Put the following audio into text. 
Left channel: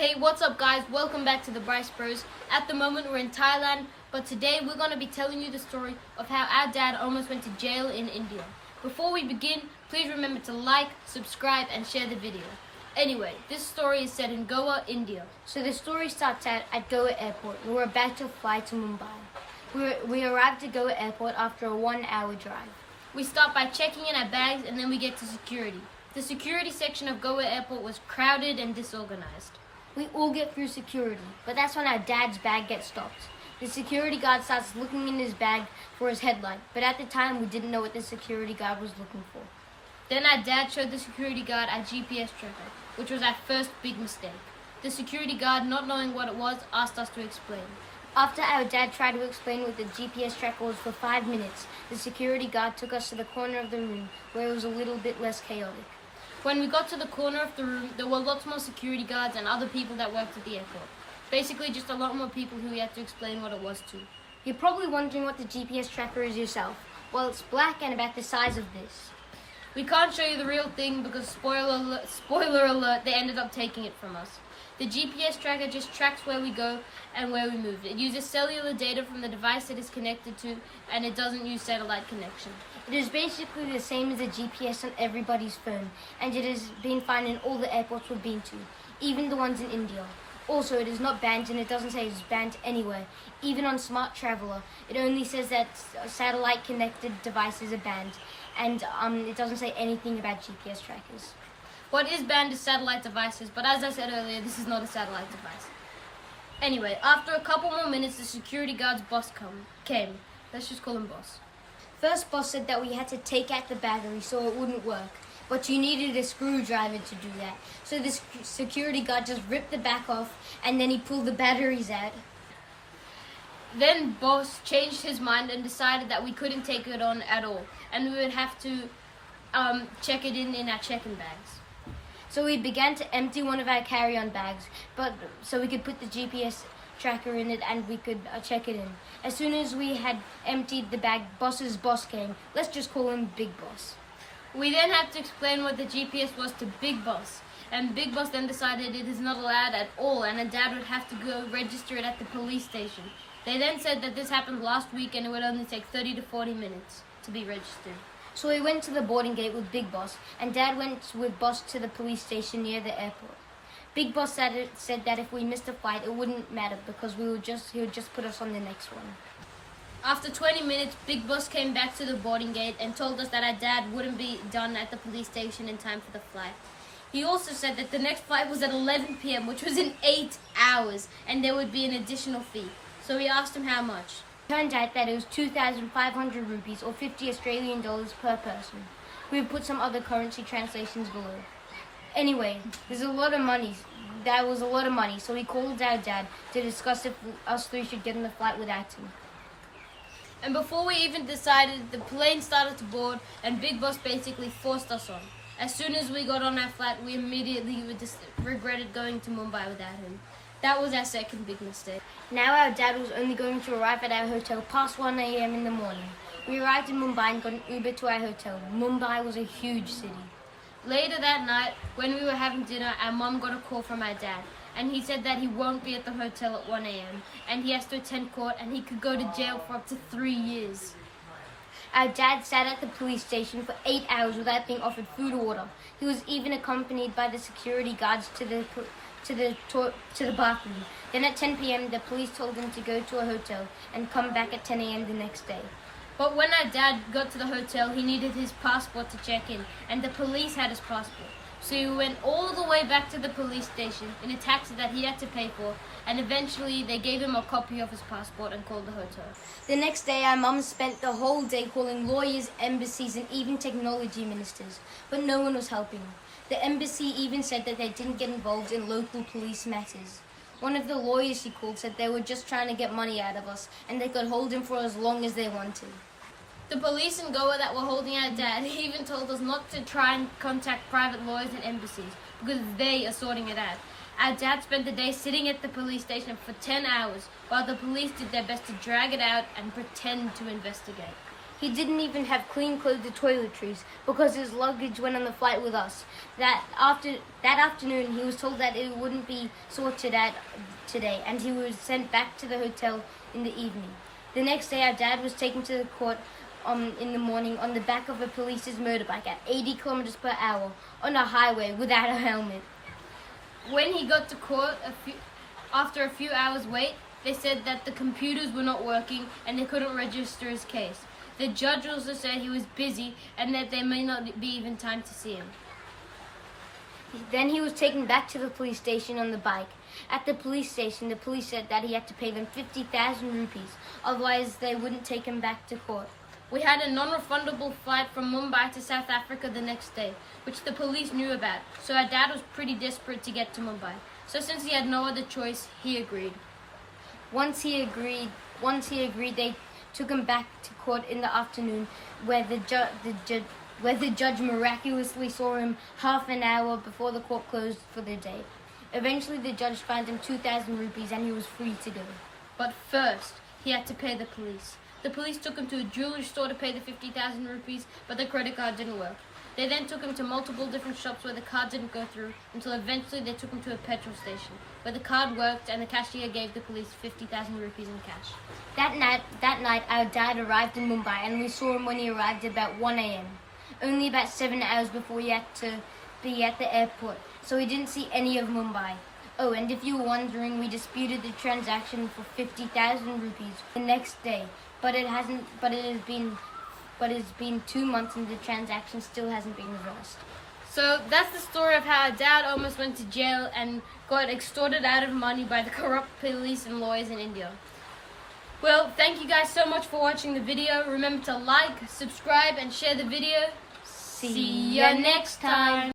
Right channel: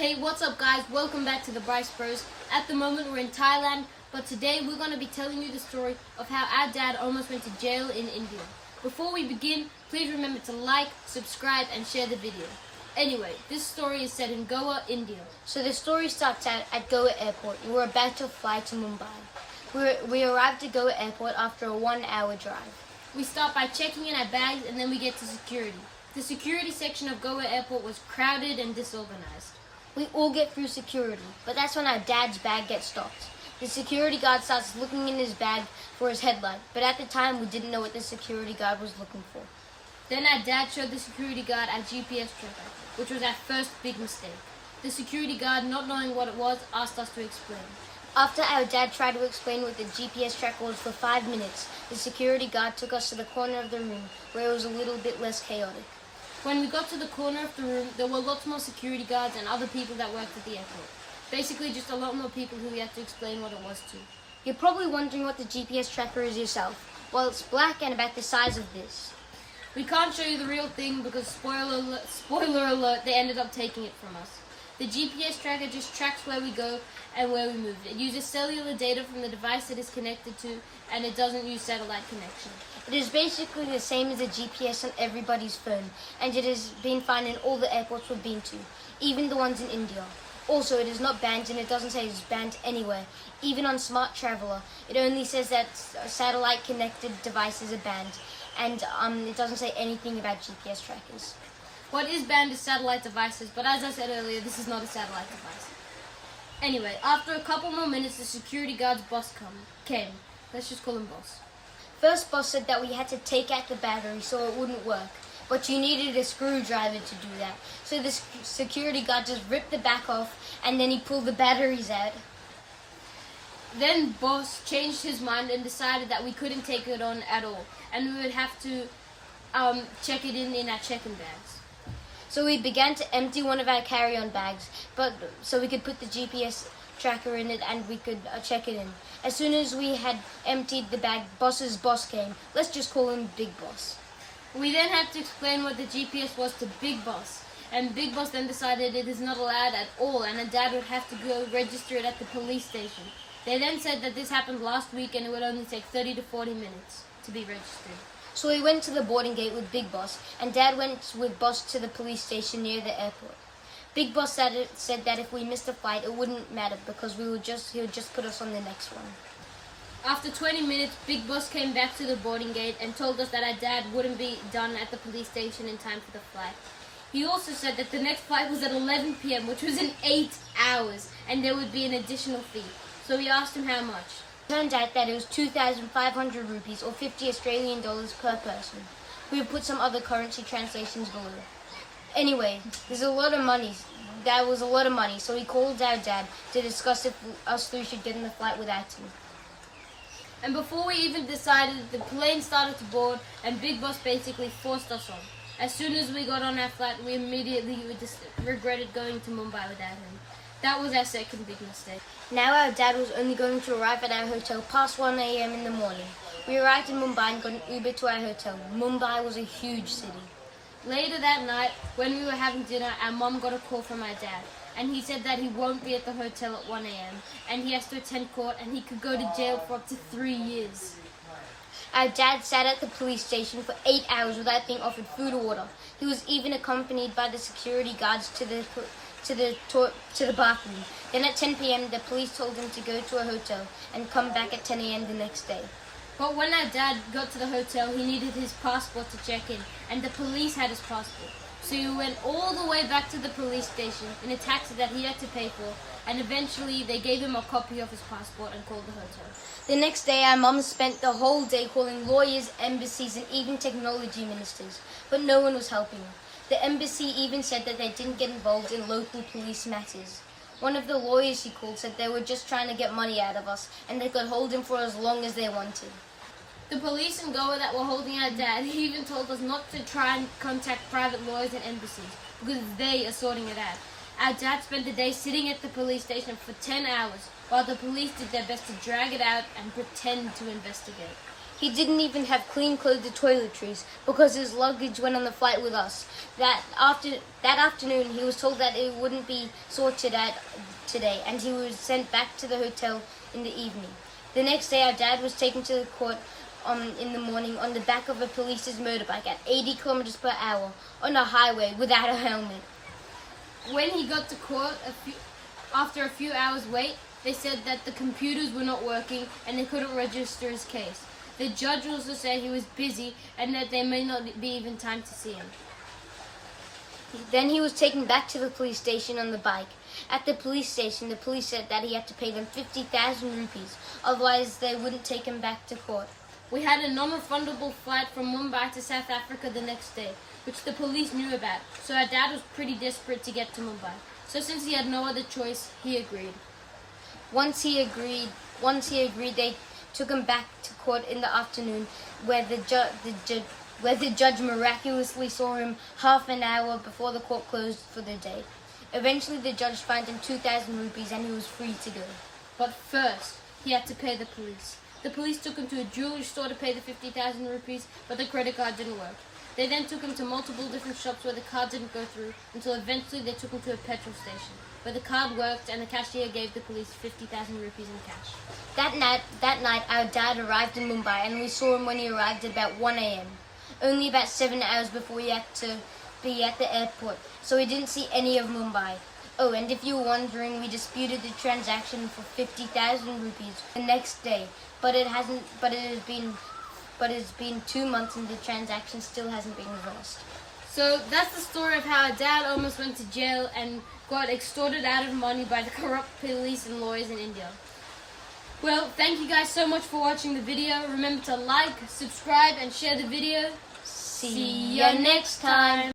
Hey, what's up guys? Welcome back to the Bryce Bros. At the moment we're in Thailand, but today we're going to be telling you the story of how our dad almost went to jail in India. Before we begin, please remember to like, subscribe and share the video. Anyway, this story is set in Goa, India. So the story starts out at Goa Airport. We were about to fly to Mumbai. We arrived at Goa Airport after a 1-hour drive. We start by checking in our bags and then we get to security. The security section of Goa Airport was crowded and disorganized. We all get through security, but that's when our dad's bag gets stopped. The security guard starts looking in his bag for his headlight, but at the time we didn't know what the security guard was looking for. Then our dad showed the security guard our GPS tracker, which was our first big mistake. The security guard, not knowing what it was, asked us to explain. After our dad tried to explain what the GPS tracker was for 5 minutes, the security guard took us to the corner of the room where it was a little bit less chaotic. When we got to the corner of the room, there were lots more security guards and other people that worked at the airport. Basically just a lot more people who we had to explain what it was to. You're probably wondering what the GPS tracker is yourself. Well, it's black and about the size of this. We can't show you the real thing because spoiler alert, they ended up taking it from us. The GPS tracker just tracks where we go and where we move. It uses cellular data from the device it is connected to, and it doesn't use satellite connection. It is basically the same as a GPS on everybody's phone, and it has been found in all the airports we've been to, even the ones in India. Also, it is not banned, and it doesn't say it's banned anywhere. Even on Smart Traveler, it only says that satellite-connected devices are banned, and it doesn't say anything about GPS trackers. What is banned is satellite devices, but as I said earlier, this is not a satellite device. Anyway, after a couple more minutes, the security guard's boss came. Let's just call him boss. First, boss said that we had to take out the battery so it wouldn't work, but you needed a screwdriver to do that. So the security guard just ripped the back off, and then he pulled the batteries out. Then boss changed his mind and decided that we couldn't take it on at all, and we would have to check it in our check-in bags. So we began to empty one of our carry-on bags, so we could put the GPS tracker in it and we could check it in. As soon as we had emptied the bag, boss's boss came. Let's just call him Big Boss. We then had to explain what the GPS was to Big Boss, and Big Boss then decided it is not allowed at all, and our dad would have to go register it at the police station. They then said that this happened last week and it would only take 30 to 40 minutes to be registered. So we went to the boarding gate with Big Boss, and Dad went with Boss to the police station near the airport. Big Boss said that if we missed a flight, it wouldn't matter because he would just put us on the next one. After 20 minutes, Big Boss came back to the boarding gate and told us that our dad wouldn't be done at the police station in time for the flight. He also said that the next flight was at 11 p.m., which was in 8 hours, and there would be an additional fee. So we asked him how much. Turned out that it was 2,500 rupees or 50 Australian dollars per person. We have put some other currency translations below. Anyway, there's a lot of money. That was a lot of money, so we called our dad to discuss if us three should get in the flight without him. And before we even decided, the plane started to board and Big Boss basically forced us on. As soon as we got on our flight, we immediately regretted going to Mumbai without him. That was our second big mistake. Now our dad was only going to arrive at our hotel past 1 a.m. in the morning. We arrived in Mumbai and got an Uber to our hotel. Mumbai was a huge city. Later that night, when we were having dinner, our mum got a call from our dad. And he said that he won't be at the hotel at 1 a.m. and he has to attend court and he could go to jail for up to 3 years. Our dad sat at the police station for 8 hours without being offered food or water. He was even accompanied by the security guards to the bathroom. Then at 10 p.m. the police told him to go to a hotel and come back at 10 a.m. the next day. But when our dad got to the hotel, he needed his passport to check in, and the police had his passport. So he went all the way back to the police station in a taxi that he had to pay for, and eventually they gave him a copy of his passport and called the hotel. The next day our mum spent the whole day calling lawyers, embassies and even technology ministers, but no one was helping. The embassy even said that they didn't get involved in local police matters. One of the lawyers she called said they were just trying to get money out of us and they could hold him for as long as they wanted. The police in Goa that were holding our dad even told us not to try and contact private lawyers and embassies because they are sorting it out. Our dad spent the day sitting at the police station for 10 hours while the police did their best to drag it out and pretend to investigate. He didn't even have clean clothes or toiletries because his luggage went on the flight with us. That afternoon, he was told that it wouldn't be sorted out today, and he was sent back to the hotel in the evening. The next day, our dad was taken to the court in the morning on the back of a police's motorbike at 80 kilometers per hour on a highway without a helmet. When he got to court, after a few hours wait, they said that the computers were not working and they couldn't register his case. The judge also said he was busy and that there may not be even time to see him. Then he was taken back to the police station on the bike. At the police station, the police said that he had to pay them 50,000 rupees, otherwise they wouldn't take him back to court. We had a non-refundable flight from Mumbai to South Africa the next day, which the police knew about, so our dad was pretty desperate to get to Mumbai. So since he had no other choice, he agreed. Once he agreed, they took him back to court in the afternoon, where the judge miraculously saw him half an hour before the court closed for the day. Eventually, the judge fined him 2,000 rupees and he was free to go. But first, he had to pay the police. The police took him to a jewelry store to pay the 50,000 rupees, but the credit card didn't work. They then took him to multiple different shops where the card didn't go through, until eventually they took him to a petrol station, where the card worked and the cashier gave the police 50,000 rupees in cash. That night, our dad arrived in Mumbai, and we saw him when he arrived at about 1 a.m. Only about 7 hours before he had to be at the airport, so he didn't see any of Mumbai. Oh, and if you were wondering, we disputed the transaction for 50,000 rupees the next day, but it's been 2 months and the transaction still hasn't been reversed. So that's the story of how our dad almost went to jail and got extorted out of money by the corrupt police and lawyers in India. Well, thank you guys so much for watching the video. Remember to like, subscribe, and share the video. See you next time.